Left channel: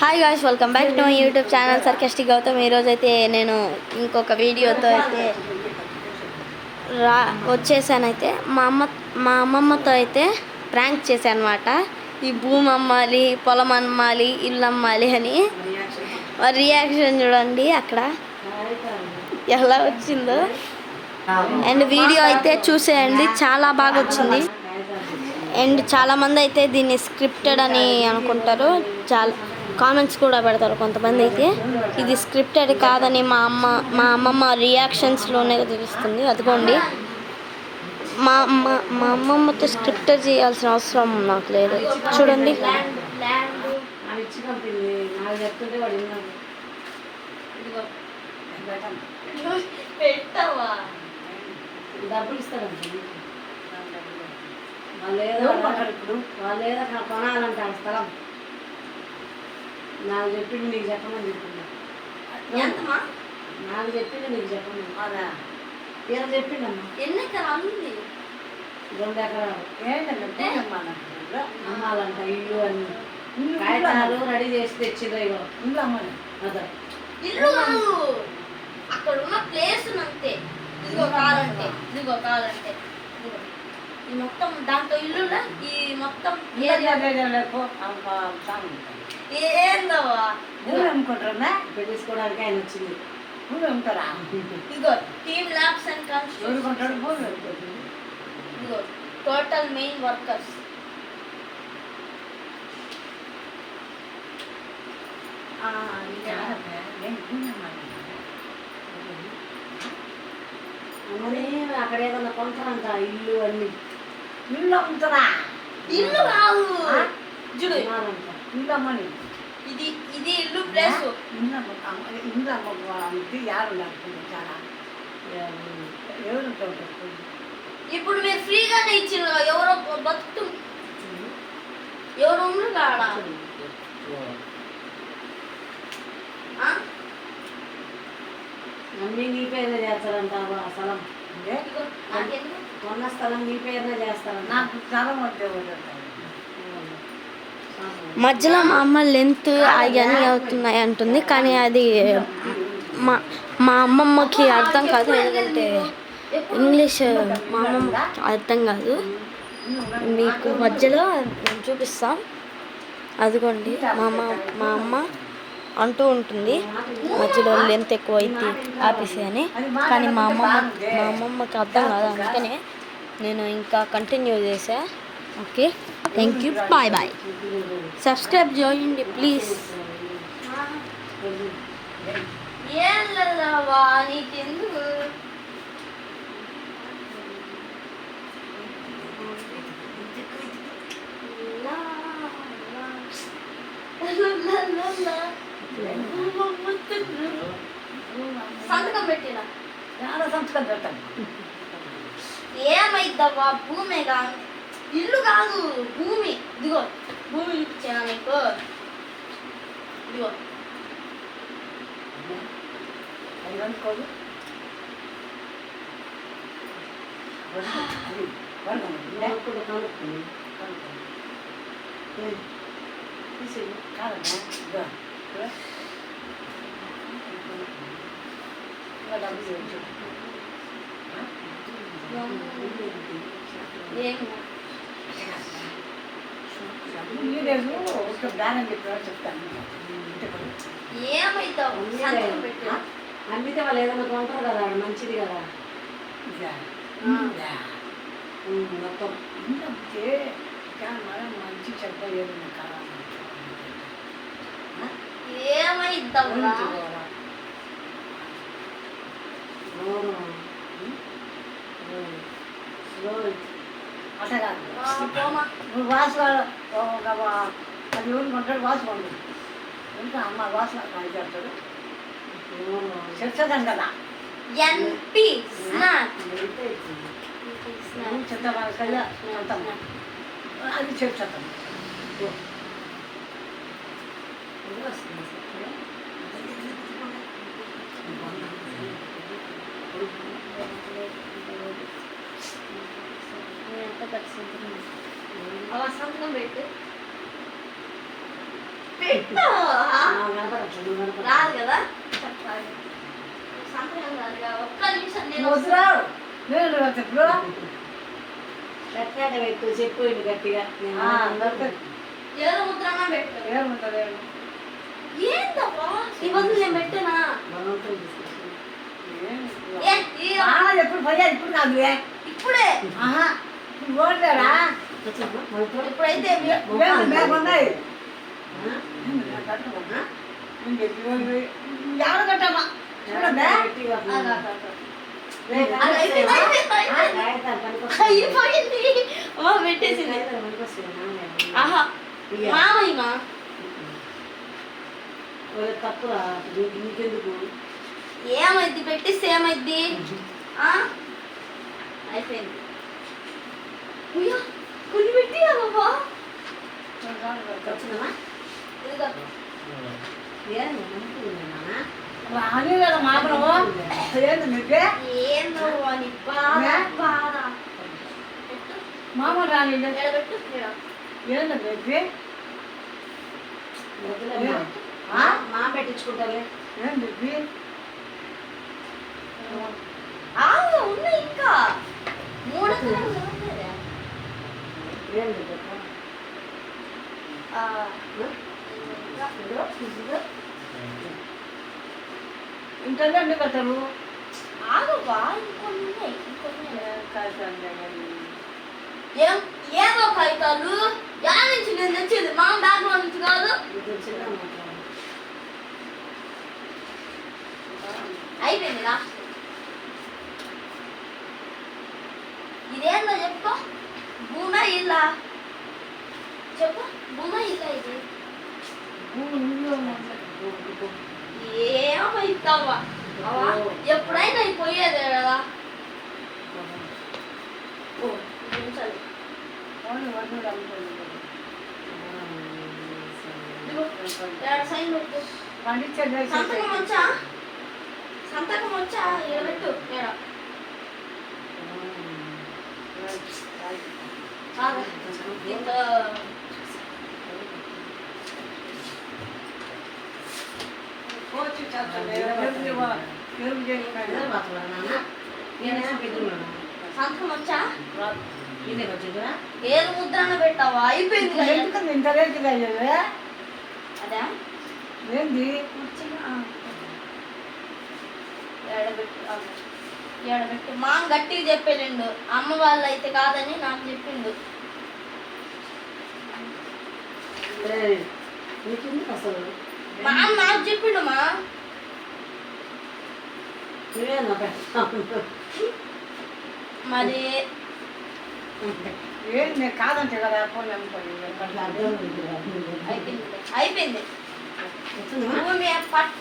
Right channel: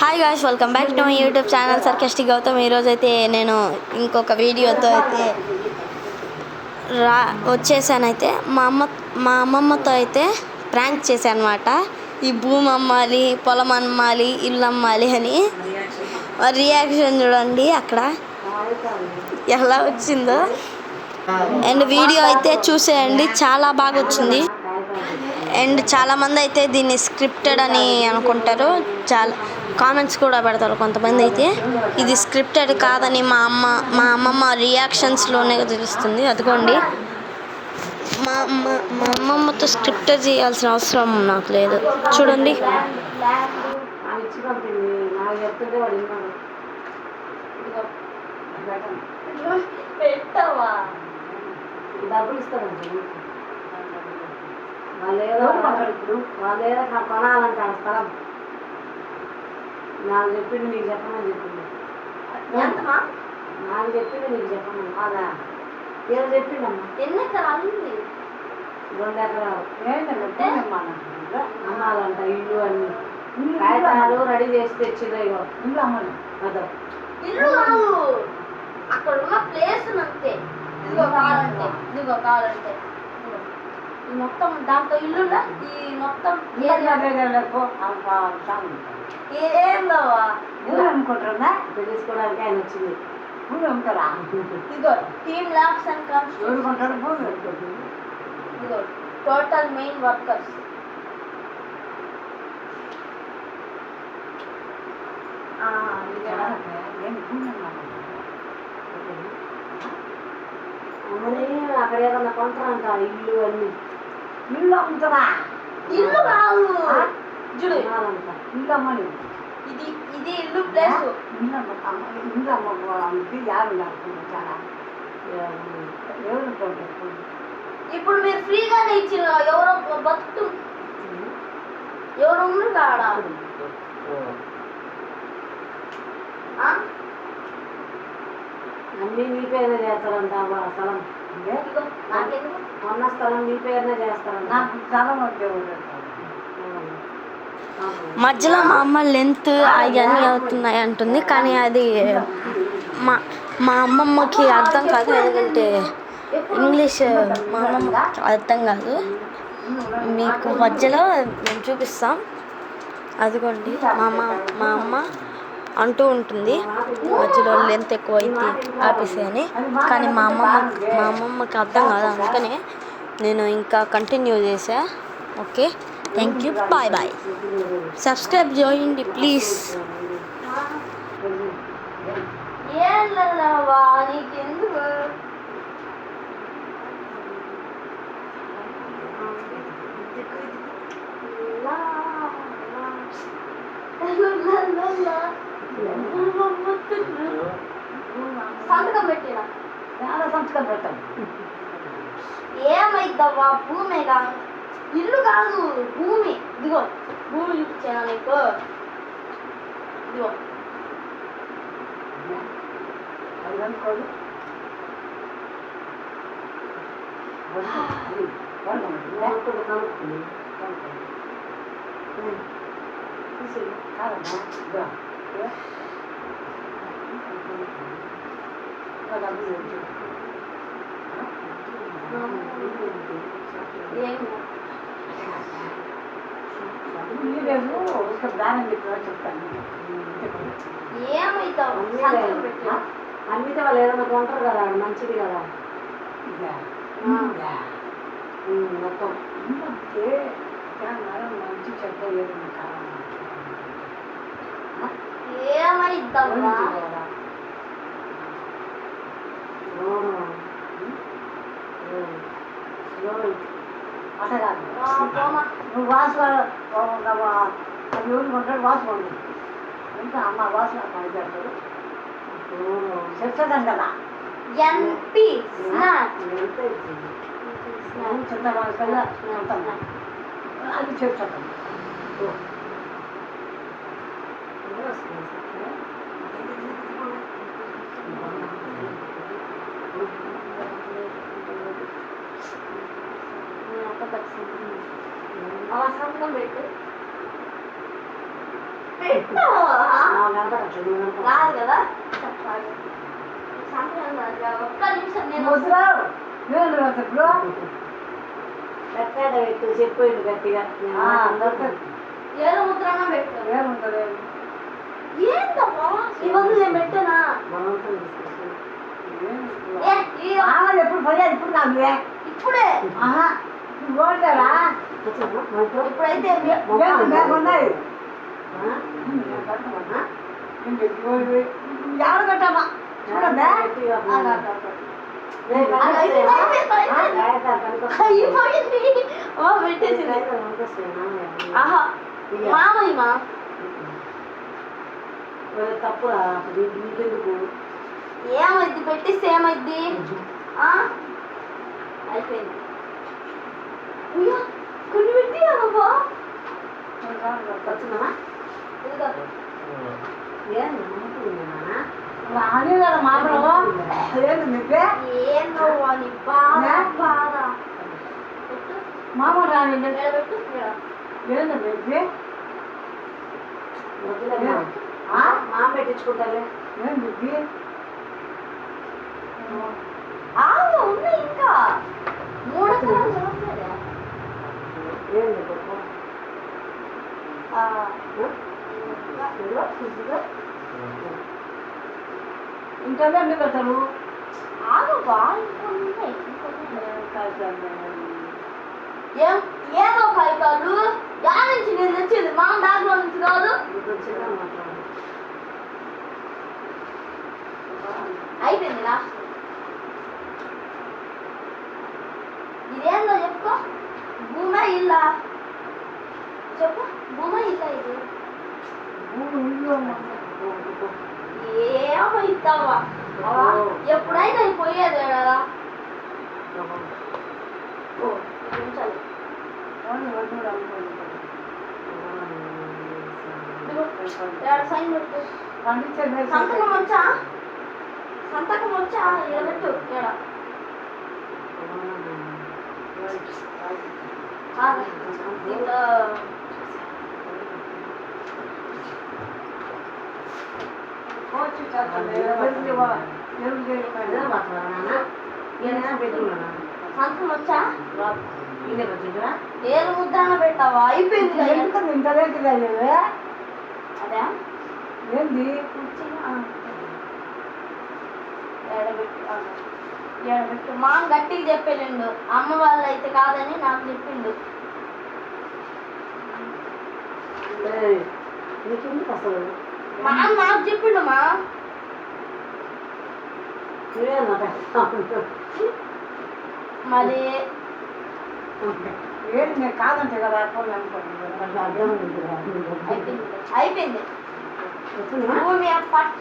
Hi guys, welcome back to my YouTube channel Sarcastic Gautam. ఈరోజు అయితే నేను ఇంకొక వీడియోతో అయితే వచ్చేసానైతే మా అమ్మమ్మతో అయితే ప్రాంక్ చేశాను అనమాట. ఈ భూమి అమ్మాలి, పొలం అమ్మాలి, ఇల్లు అమ్మాలి అని. రియాక్షన్ చూడండి అక్కడ ఎలా వచ్చిందో. అండ్ వీడియో అయితే చూసేయండి, చాలా బాగా వచ్చింది. అండ్ చాలామంది అయితే దీన్ని స్క్రిప్టెడ్ అని అనుకుంటారు, చాలా కామెంట్స్ కూడా పెడతారు కొంతమంది అయితే. ఇది స్క్రిప్టెడ్ కాదని మా అమ్మమ్మ రియాక్షన్స్లోనే తెలుస్తుంది. అదిగోండి, మా అమ్మమ్మతో స్క్రిప్టెడ్ చేయాల్సిన అవసరం నాకు లేదు. చూడండి, డబ్బులు ఇస్తారండి. వాళ్ళు ఏదో కొనాలంటే ఆ స్థలం నాకు చెప్పింది, మీకు చెప్పమని చెప్పింది. నాకు చెప్పింది, మీకు చెప్పమని. అదా ఏదో చెప్పిందమ్మా. 2 ఎకరాలు 2 ఎకరాలు ఏంటంటే అమ్మాలంట. ఇల్లు అన్ని కాగితాలు రెడీ చేసి తెచ్చిందో ఇగో ఇల్లు అమ్మాలి. అదా ఇల్లు కాదు, అక్కడ ఉన్న ప్లేస్ అంతే. ఇదిగో కాలంటే ఈ మొత్తం దాంట్లో ఇల్లు, ఈ మొత్తం ఏందవా ఊరు అమ్ముకుంటారా? పెళ్ళిసుకోవడానికి ఆయన వచ్చింది. ఊరు అమ్ముతారా? ఇదిగో టీమ్ ల్యాబ్స్ అండ్ కన్స్ట్రక్షన్. ఇదిగో టోటల్ మెయిన్ వర్కర్స్. అక్కడ ఏదన్నా కొంటారంట ఇల్లు అన్ని. ఇల్లు అమ్ముతారా? ఇల్లు కాదు, చూడు ఇల్లు అమ్మని. ఇది ఇల్లు ప్లేస్. ఇల్లు అమ్మితే యారు ఎవరు. ఇప్పుడు మీరు ఫ్రీగానే ఇచ్చిన, ఎవరో బతుకు ఎవరు ఉన్నారు కాడ. అన్నీ నీ పేరున చేస్తారంట. స్థలం కొన్న స్థలం నీ పేరున చేస్తారంట. నాకు స్థలం మధ్యలో మా అమ్మ లెంత్ అవన్నీ అవుతున్నాయి అంటుంది, కానీ అది మా అమ్మమ్మకి అర్థం కాదు. ఎందుకంటే ఇంగ్లీష్ మా అమ్మమ్మ అర్థం కాదు. మీకు మధ్యలో నేను చూపిస్తాం. అదిగోండి, మా అమ్మ అంటూ ఉంటుంది మధ్యలో లెంత్ ఎక్కువ అయితే ఆపేసి అని. కానీ మా అమ్మమ్మకి అర్థం కాదు, అందుకనే నేను ఇంకా కంటిన్యూ చేసా. Okay, thank you, bye bye. Subscribe చేయండి ప్లీజ్. సంతకం పెట్టినా సంతకం పెట్టాం. ఏమైద్దవ్వా? భూమే కాదు, ఇల్లు కాదు, భూమి. ఇదిగో భూమి చూపించాను నీకు. ఇదిగో ఏమైతావు? అమ్మితే వాళ్ళు ఏదైనా కొంటారు కదా, మంచిది కదా. మొత్తం మంచి చెడ్డ ఏదైనా కావాలి. ఏమైద్దాం? అట్లా కాదు, నువ్వు వాసు అది ఊరికి ఉంటాడు. వాసు పండు ఇంకా అమ్మ వాసు చెప్తాడు. చెప్తాం కదా చెప్తాం అది చెప్తాం. సంతకం పెట్టు. పెట్టు కనపడట్లేదు రాదు కదా చెప్పాలి సంతకం రాదు కదా. ఒక్క నిమిషం నేను ముద్ర నేను ఇప్పుడు కట్టాక పెట్టు చెప్పేయండి గట్టిగా ఏదో ముద్రన్నా పెట్టు. ఏముంటుంది ఏందబ్బా ఈ బదులు నేను పెట్టానా? బలవంతం తీసుకొచ్చి ఏ, ఈ ఎప్పుడు పోయాలి ఇప్పుడు కాదు ఇప్పుడే ఆహా ఓట్లేరా ఇప్పుడైతే ఉన్నాయి ఎవరు కట్టమ్మా చూడమ్మా అయిపోయింది. ఓ పెట్టేసింది. ఆహా మామయ్య మా తప్పు నీకెందుకు ఏమైద్ది పెట్టిస్తే ఏమైద్ది? ఆ? అయిపోయింది. ఉయ్యా, కొన్ని పెట్టి బాబా వచ్చిందమ్మా ఇదిగో ఏంది నమ్ముకుందా రాని కదా మాత్రము ఏంది మీకు ఏందో అని బాధ బాధ పెట్టు. మామ రాని ఈడ పెట్టు ఈడ. ఏంది మీకు మా పెట్టించుకుంటాలే ఏంది మీకు ఆగు ఉన్నాయి ఇంకా 3 ఎకరాలు జరుగుతుందా? ఏంది చెప్పు ఆ, ఇంట్లో ఎందుకు కట్టారు ఆగు బా ఇంకొన్ని ఉన్నాయి, ఇంకొన్ని ఉన్నాయి. ఏదో కాగితాలు యా నుంచి నేను తెచ్చేది మా బ్యాగ్ లో నుంచి కాదు. వచ్చిందా మాట్లాడు అయిపోయింది రా. ఇదేందో చెప్పుకో. భూమా ఇల్లా చెప్పు. భూమా ఇల్లా ఇది ఏమో ఇస్తావా? ఎప్పుడైనా పోయేదే కదా. ఓ నిమిషాలు సైన్ పెట్టు. సంతకం వచ్చా? సంతకం వచ్చా? ఇక్కడ పెట్టు. ఇక్కడ ఇంకా సంతకం వచ్చా? ఏది ముద్రణ పెట్టావా? అయిపోయింది కదా. అదే ఏంది ఏడబెట్టు. మా గట్టిగా చెప్పేలేండు. అమ్మ వాళ్ళు అయితే కాదని నాకు చెప్పిండు. అసలు మా నాకు చెప్పిండు. మా మరి ఏంటి నేను కాదంటే కదా ఫోన్ అయిపోయింది అయిపోయింది. భూమి పట్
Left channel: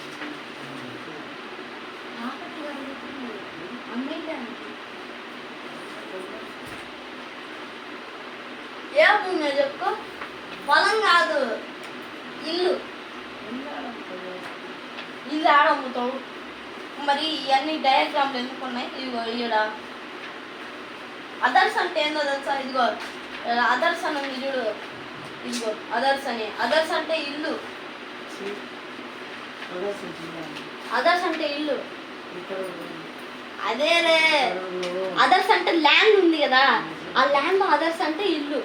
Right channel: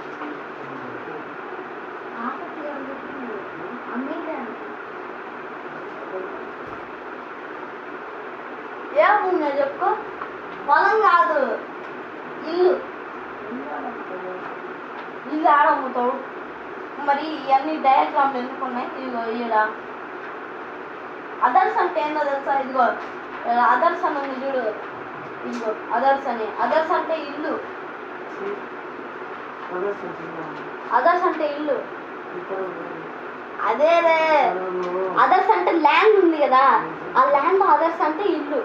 ఏ భూమి చెప్పుకో. పొలం కాదు, ఇల్లు. ఇల్లు ఆడ అమ్ముతావు. మరి ఇవన్నీ డయాగ్రామ్లు ఎందుకు ఉన్నాయి? ఇదిగో ఈడ అదర్స్ అంటే ఏందో తెలుసా? ఇదిగో అదర్స్ అని ఉంది చూడు. ఇదిగో అదర్స్ అని. అదర్స్ అంటే ఇల్లు. అదర్స్ అంటే ఇల్లు. అదే రే, అదర్స్ అంటే ల్యాండ్ ఉంది కదా, ఆ ల్యాండ్ అదర్స్ అంటే ఇల్లు.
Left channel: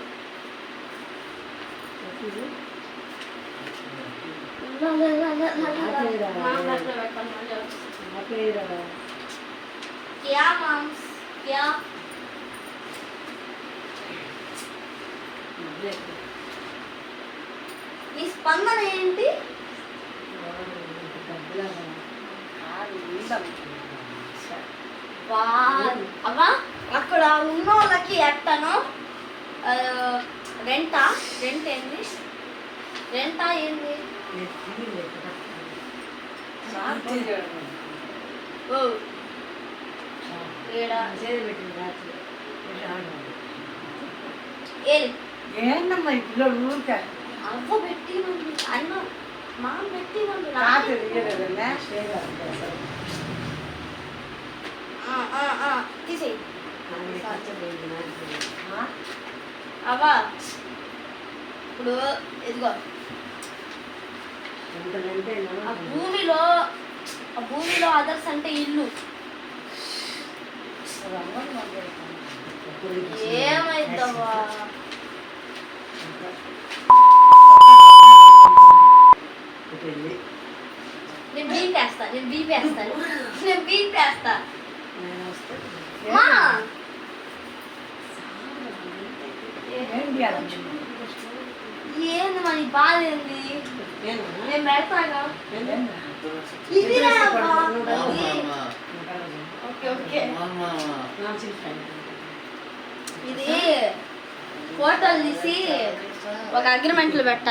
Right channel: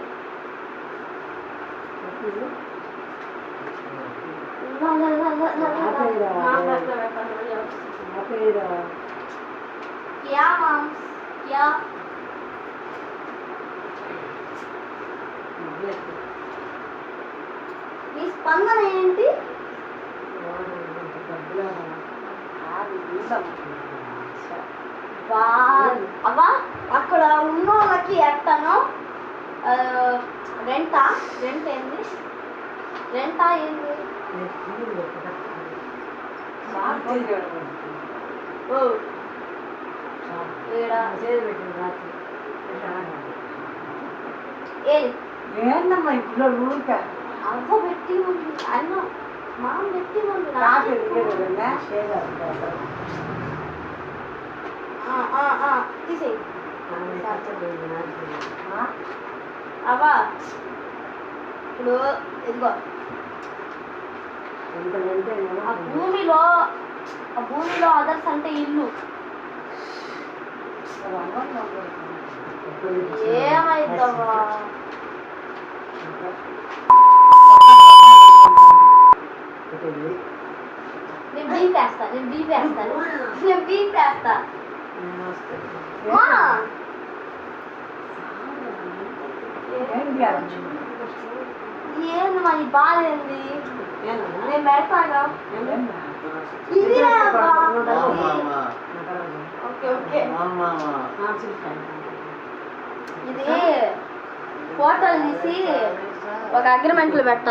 क्या माम्स क्या నీ స్పందన ఏంటి? అవ్వా అక్కడ ఉన్న వాళ్ళకి ఎట్టనో రెంటా? రెంట్ ఏంది? రెంటా ఏంది? ఓ ఈడ ఏది ఏందమ్మా ఇప్పుడు ఊరిక అవ్వ పెట్టి అన్న మా పెట్టి తీసేయి. అవ్వా ఇప్పుడు ఇదిగో ఆ భూమిలో అదర్స్ అంటే ఇల్లు. ఏమైందవ్వా? నేను బీపేస్తా. మా! ఏంది మరి బాధ ఏంది? నేను పెడతాగా. ఇదిరా అబ్బా. ఓకే ఇది ఫోటోలు తీసి ఒక అగ్రిమెంట్లు పెట్టాలి.